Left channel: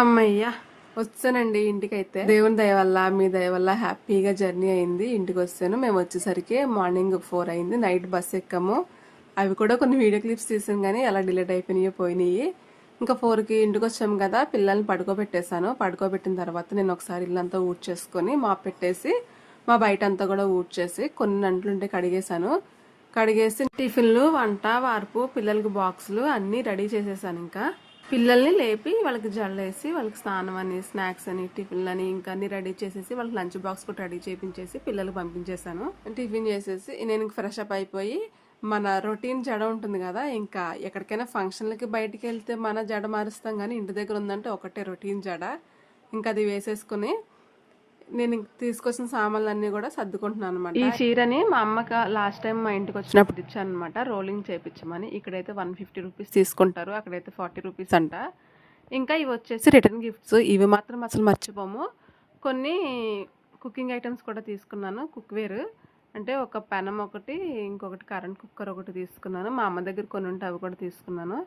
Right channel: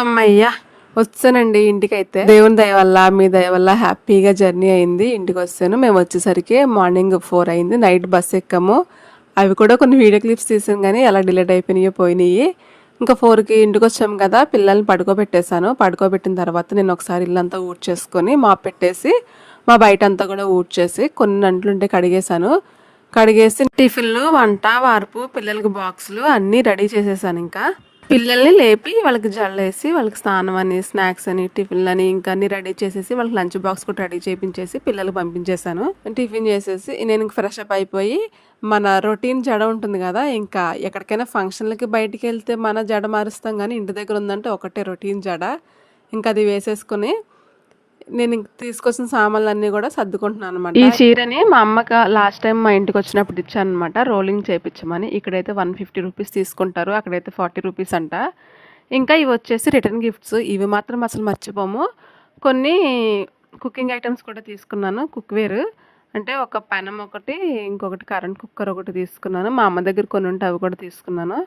అమ్మయ్య వచ్చానండి ఇంటికైతే. దేవుని దయ వల్ల మీ దయ వల్ల హ్యాపీగా జర్నీ అయింది. ఇంటికి వచ్చాను. మేము వచ్చేసరికి మార్నింగ్ 4 అయింది. నైట్ బస్ ఎక్కాము. అవి కూడా కొన్ని వీడియో క్లిప్స్ తీసాం కానీ ఎలా డిలేట్ అయిపోయినాయో పోయినాయి. ఇంకా 4కి ఇంటికి వచ్చాము కదా, పిల్లల్ని పడుకోబెట్టేశాను. పడుకోబెట్టిన తర్వాత నేను ఒకసారి ఇల్లంతా ఊడ్చేసుకొని మాప్ పెట్టేసి మా బయట అంతా కూడా ఊడ్చేసి కొన్ని అంట్లుంటే కడిగేశాను. కడిగేసి టిఫిన్లు, వంట, వార్పు, పిల్లలకి బాక్సులు అన్నీ రెడీ చేసేసాను. ఇంకా పిల్లల్ని లేపి వాళ్ళకి జల్లేసి వాళ్ళకి స్నానం అని, స్నాక్స్ అని, టిఫిన్లు అని ఇంకా అన్ని రెడీ చేసేసి వాళ్ళకి లంచ్ బాక్స్ కూడా రెడీ చేయించేసి పిల్లలకు పంపించేశాను. టిఫిన్ చేసేసి నేను ఇంక ఫ్రెష్ అప్ అయిపోయి మన రొటీన్ జడ ఉంటుంది కదా, ఇంకా ఎక్కడికైనా ఫంక్షన్లకి బయటికి వెళ్తే మన జడ మారుస్తాం కానీ ఇంటి దగ్గర ఉందంటే ఒకటే రొటీన్ జడ. ఇంకా అది వేసేసుకుని నేను తీసుకొచ్చిన సామాన్లు అన్నీ కూడా సర్దుకుంటున్నాను అనమాట. ఈ చీరని మా అమ్మకి లాస్ట్ టైం మా ఇంటికి వచ్చినప్పుడు ఇచ్చాను అనమాట, రోలింగ్ చేయించమని. ఇక్కడైతే 150 రూపీస్ తీసుకుంటారు, అక్కడైతే 40 రూపీస్ అంట. ఇంకా ఇవి వచ్చేసి రిటర్న్ గిఫ్ట్స్. ఇవి మాత్రం అసలు మర్చిపోము. కొన్ని కుకింగ్ ఐటమ్స్ కూడా తీసుకున్నాను. కుక్వేర్ అంటే ఒక పెనం ఒకటి, ఇంకొకటి కరెంట్ కుక్కర్ ఒకటి తీసుకున్నాను. మా అమ్మ దగ్గర కొన్ని ఉంటే అవి కూడా తీసుకున్నాను.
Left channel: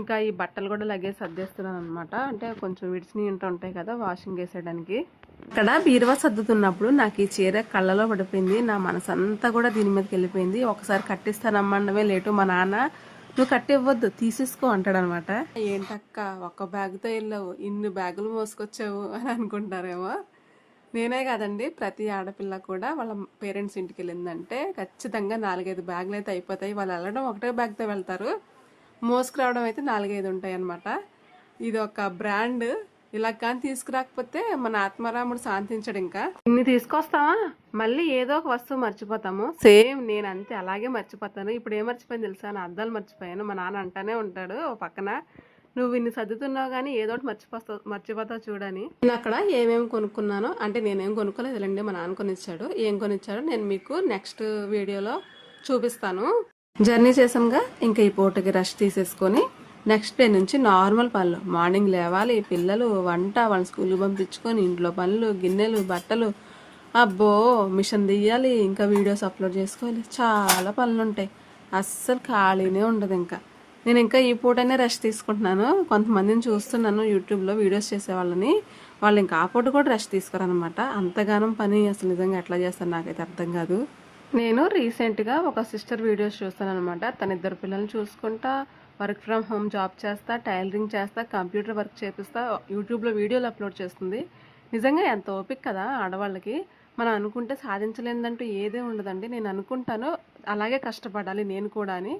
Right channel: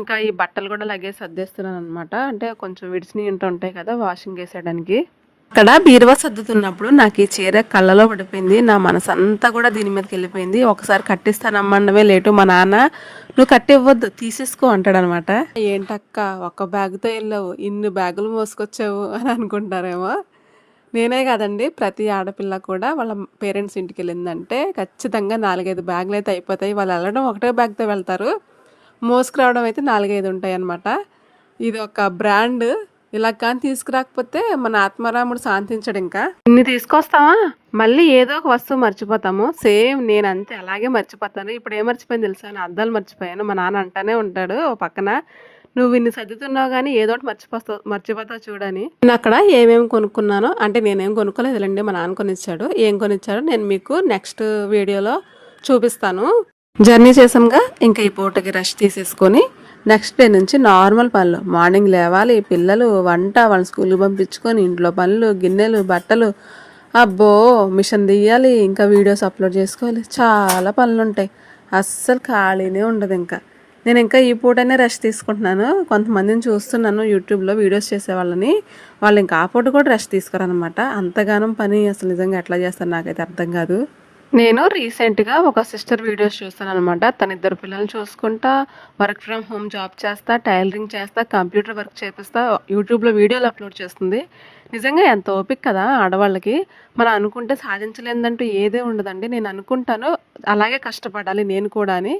ఇంకా ఈ బట్టలు కూడా లగేజ్ సర్దేస్తున్నాను అనమాట. అంటే కొంచెం విడిచినవి ఉంటాయి కదా వాషింగ్ వేసేయడానికి. అక్కడ బీరువా సర్దుతున్నప్పుడు నాకు ఈ చీర కళ్ళలో పడిపోయింది. నా మనసు అంతా కూడా దీని మీదకి వెళ్ళిపోయింది. ఒకసారి కట్టిస్తానమ్మన్నవే లేటు మా నాన్న నువ్వు కట్టివ్వద్దు తీసేసుకో అంటాడనమాట. ఏంటక్క ఒక్క బ్యాగ్తో వెళ్ళావు, ఇన్ని బ్యాగులు మోసుకొచ్చావు అని అనుకుంటారేమో. నేనే కాదండి, ప్రతి ఆడపిల్ల కూడా వాళ్ళ పేరెంట్స్ ఇంటికి వెళ్ళిందంటే ఖచ్చితంగా 4-5 బ్యాగులు అయితే అయిపోతాయి. వాళ్ళు వెళ్ళడం ఒకటే బ్యాగ్తో వెళ్తారు, మోసుకురావడం అయితే 4-5 ఉంటాయి అన్నమాట. ఇది ఒక బ్రాండ్. ఇలా కానీ తీసుకురాకపోతే మన ఆత్మారాముడు శాంతించడు. ఇంకా ఇన్ని తీసుకొస్తావా, మళ్ళీ ఏదో ఒక వస్తువు మర్చిపోతాము. సేమ్ నేను అంతే, అలాగే మర్చిపోతాను. ఇప్పుడు ఏం మర్చిపోయింది తెలుసా, నా అద్దాలు మర్చిపోయాను. మా నాన్న అంటానే ఉంటాడు ఓ పక్కన, నువ్వు ఇన్ని సర్దుతున్నావు కానీ ఏదో ఒకటి మర్చిపోతావు చూడని. నేను అక్కడ ఏమేమి కొనుక్కున్నానో, అంటే నేనేం కొనుక్కోలేదులేండి, మా నాన్న కొనిచ్చాడు. ఏం కొనిచ్చాడో నేను మీకు నెక్స్ట్ వీడియోలో చూపిస్తాను. జర్నీ చేసాంగా, ఇంకా ఈ పూటకి రెస్ట్ తీసేసుకొని నెక్స్ట్ డే నుంచి నార్మల్ పనులు. మార్నింగ్ లేవాలి, పిల్లలు, వంట, వాళ్ళని స్కూల్కి పంపించుకొని, ఇంట్లో పనులు, గిన్నెలు, బట్టలు, అబ్బో మిషన్ తీయాలి, ఇంకా వీడియోస్ అప్లోడ్ చేసుకోవాలి, చాలా పనులు ఉంటాయి. అస్సలు ఖాళీనే ఉండదు. ఇంకా నేను ఇంకా ఈ పూటనే రెస్ట్ తీసుకుంటున్నాను. కొంతమందిని చూస్తున్నాను యూట్యూబ్లో వీడియోస్ చేసే వాళ్ళని, వాళ్ళు ఇంకా ఆ పూట కూడా రెస్ట్ తీసుకోరనమాట. అంతగానం పని అసలు నిజంగా ఎట్లా చేస్తారు నాకైతే అర్థం కాదు. నేను రీసెంట్గా ఒక సిస్టర్ వీడియోస్ చూస్తాను అనమాట. తన 2 పిల్లల్ని చూసుకుంటా, వర్క్ ఫ్రమ్ హోమ్ జాబ్ చేస్తా, టైలరింగ్ చేస్తా, కంప్యూటర్ వర్క్ చేపిస్తా, యూట్యూబ్లో వీడియోలు అప్లోడ్ చేస్తుంది. నిజంగా ఎంత ఓపిక కదా ఆడవాళ్ళకి. మనం అనుకుంటే సాధించలేదంటూ ఏదే ఉండదండి. నేను అనుకుంటాను అలాగే కష్టపడాలి నేను కూడా అని.